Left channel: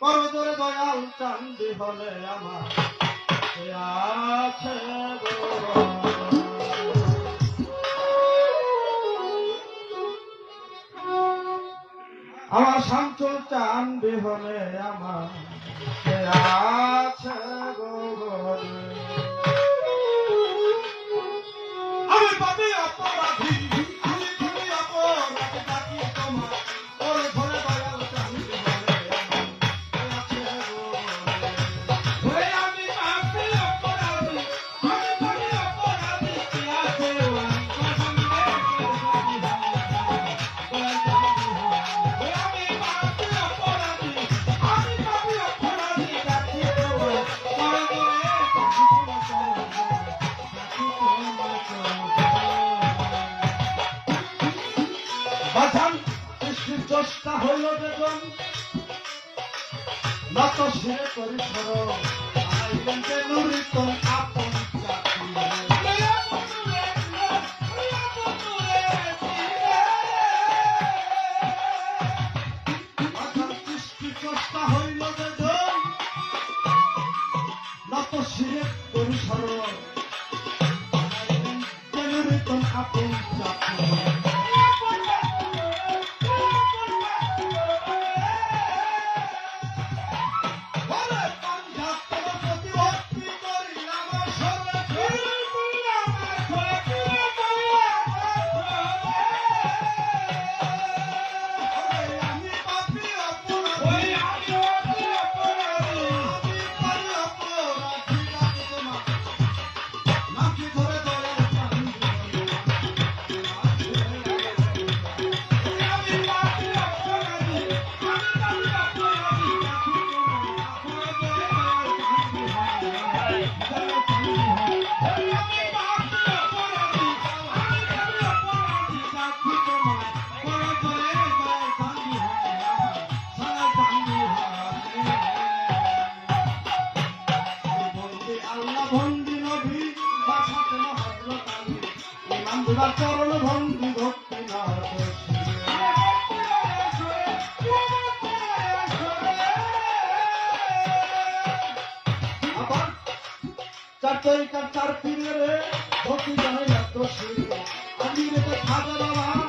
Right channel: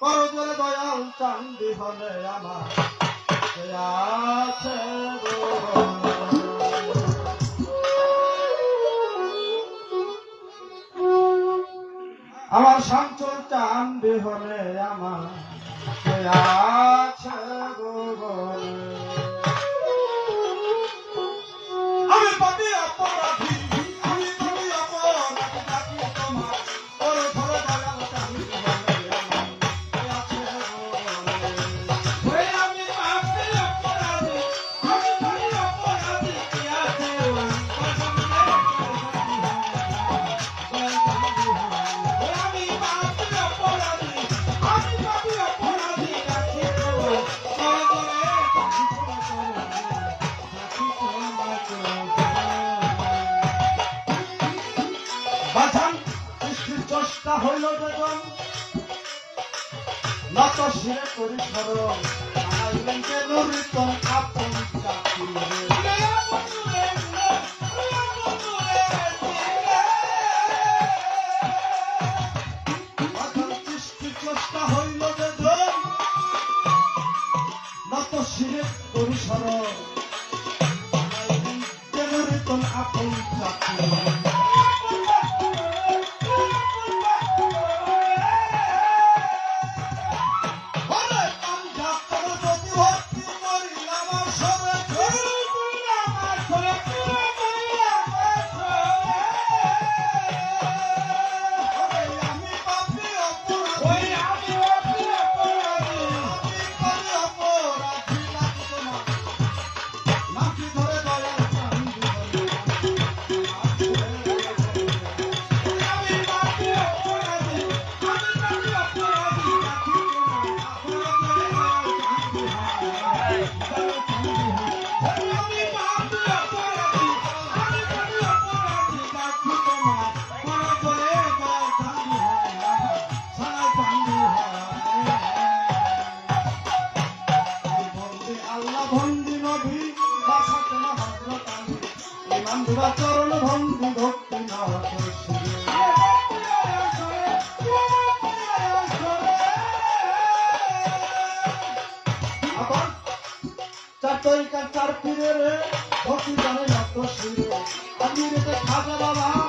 করজোরে দয়াল চান্দি হলে আমার আছে আমার শান্তর চান্দি হলে আমার আছে আমি পাপি অপরাধী আমি পাপি অপরাধী ডাকি তোমার ওরে ধরে দয়াল চান্দি হলে আমি পাপি অপরাধী আমি পাপি অপরাধী কি আছে আমি পাপি অপরাধী আমি পাপি অপরাধী ডাকি বাজান সৃষ্টির চেষ্টা হইল যখন নত শিরে করি স্মরণ আইলেন যে নুরিতন আপন চাকরি সৃষ্টির চেষ্টা হইল যখন নত শিরে করি স্মরণ আইলেন যে নুরিতন আপন চাকরি চরণ ভঙ্গি ভক্তি চার তরিকার চার পীরে ভক্তি জানে মাত্র শিরে আমি রেখে খাজা বাবা